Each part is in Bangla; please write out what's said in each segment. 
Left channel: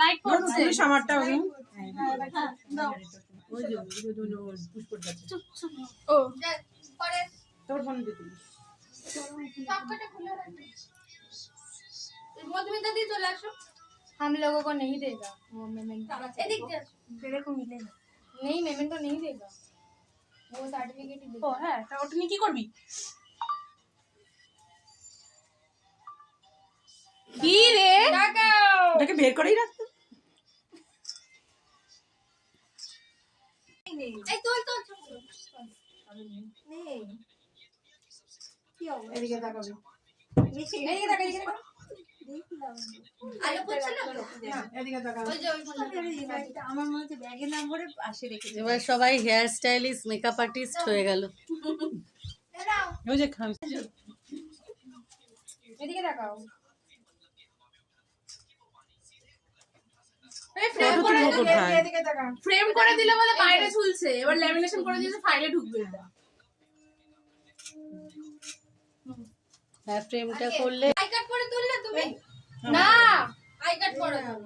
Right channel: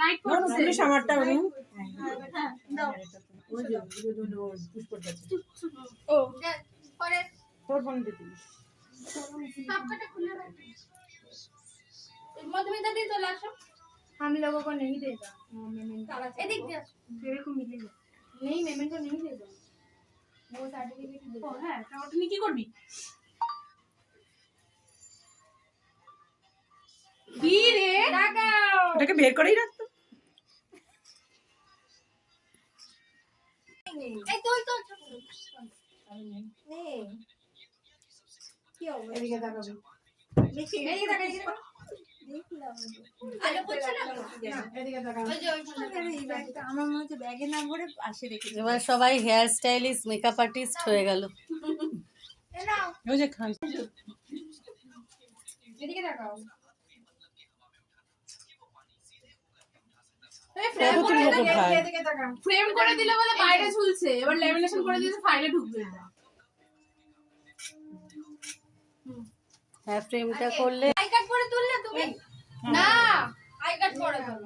লাইট পড়ছে আমারটা ওই দাও ওই যে পুষ্পর কাছে ও পরে তোর ফোন দিতে সবকটা খুলে রাখ মধুমিতা দি চলে আসো हम लोगों को नहीं देगा वो मेमेंटो এদিক দিয়ে तेरे को मिलेगा नहीं मेमेंटो नहीं देगा वो सर्टिफिकेट ही ও হ্যাঁ তা ওটা নিয়ে কি করবি কি রে টাকা ওটাকে বের করেই রাখতো এই তোল নে কি হবে এদিকে তাকাবি এদিকে তাকা এদিকে তাকা দেখলাম আলো পড়ছে না এদিকে তাকাবি ওই যে ওই ফোনটা আমার মধ্যে ব্যাগে না ভরে পাশে রেখে এবার সবাই হেয়ার স্টাইলিস্ট মেকআপ আর্টিস্ট হয়ে গেল নাও ওই যে খান এদিকে তাকাও ফ্রেম করে দিলে বলে বাইরে ঝুলছে এবার ল্যামিনেশন করে দিয়েছে ফাইলে ঢুকবে এটা হ্যাঁ ফ্রেমটা করলে আই কার্ড করে তুললে তুমি না আই কার্ড করে দাও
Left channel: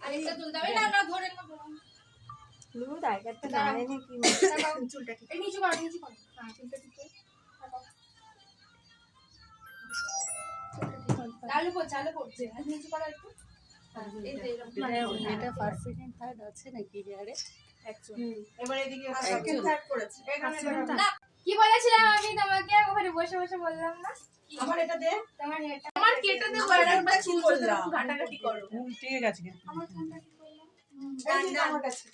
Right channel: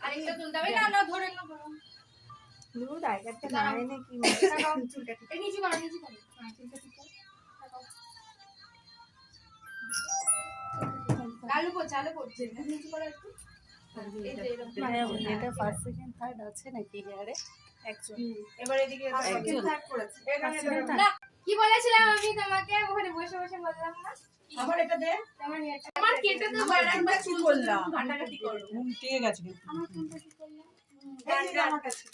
আরেকটা তুলতে হবে না না ধরে না দুধ আইকারটা নাড়ে নাকি তাকাও চুলটা ঠিক এই নিচে করো হ্যাঁ চুলটা ঠিক করো তাকাও আলো পড়ছে নিচে করো একটু এই যে এরকম এটা ফার্স্ট সেকেন্ড থার্ড আছে নাকি হেয়ারে একজন এবার এদিকে একজন। থার্ড করেছে না কি বলেছিলাম আমি তোমাকে ওখানে বসে বসে বললাম না আমার এটা দে তোমার হেয়ারটা আমার কেটে দাও বারবার চুল করলাম ঘাটাঘাটি করো ঠিক গেছে কিন্তু আমার ফোনটা ঠিক করলাম আমার কাছে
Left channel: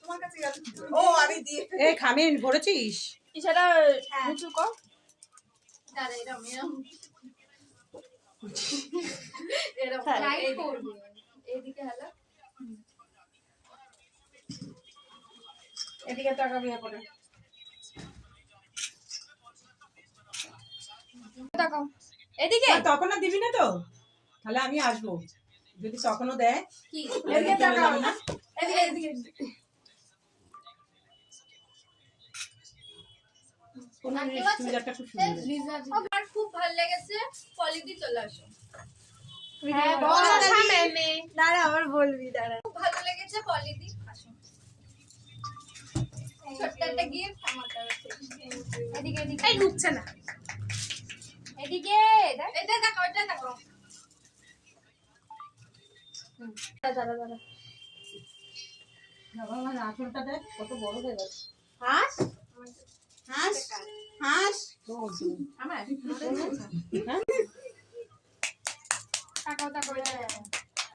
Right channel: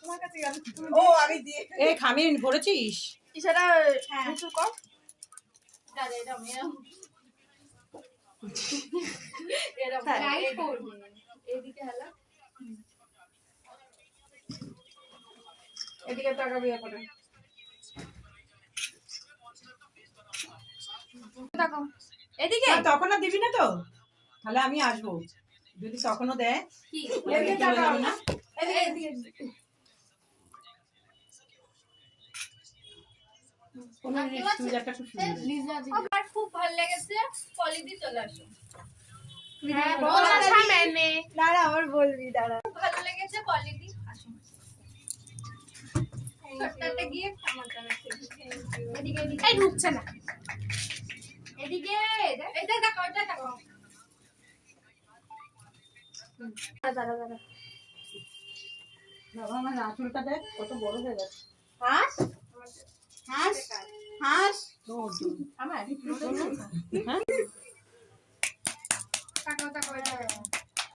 তোমার কাছে গেল ও আমি দিয়ে এই খামির ভরেছিস ইশারা নিচু কর দাদা এরকম লাইট করবে এদিকে হলো এদিকে তাকাবি করে তাকাও এদিকে তখনও দিবি না তো তাহলে আমি আসবো যদি তখনও দেয় কি এদিকে তাকাও না এদিকে কোনো চুড়িদারটা খুব সুন্দর আমার খুব ভালো লেগেছে পলিদি চলে আসো হ্যাঁ বসা मैंने দাঁড়া আমার বলবি দাঁড়া খুব ভালো লেগেছে পলিদি আসো ছোট্ট একটা গিফট আমার তরফ থেকে এদিকে এদিকে এই ঢুকছে না এদিকে এটা দেখো এটা দেখো দাঁড়া বাবা আমার আঁচলটা দেখ কত বড় হয়ে গেছে হাস হাস হাস আমার হ্যাঁ তাকাও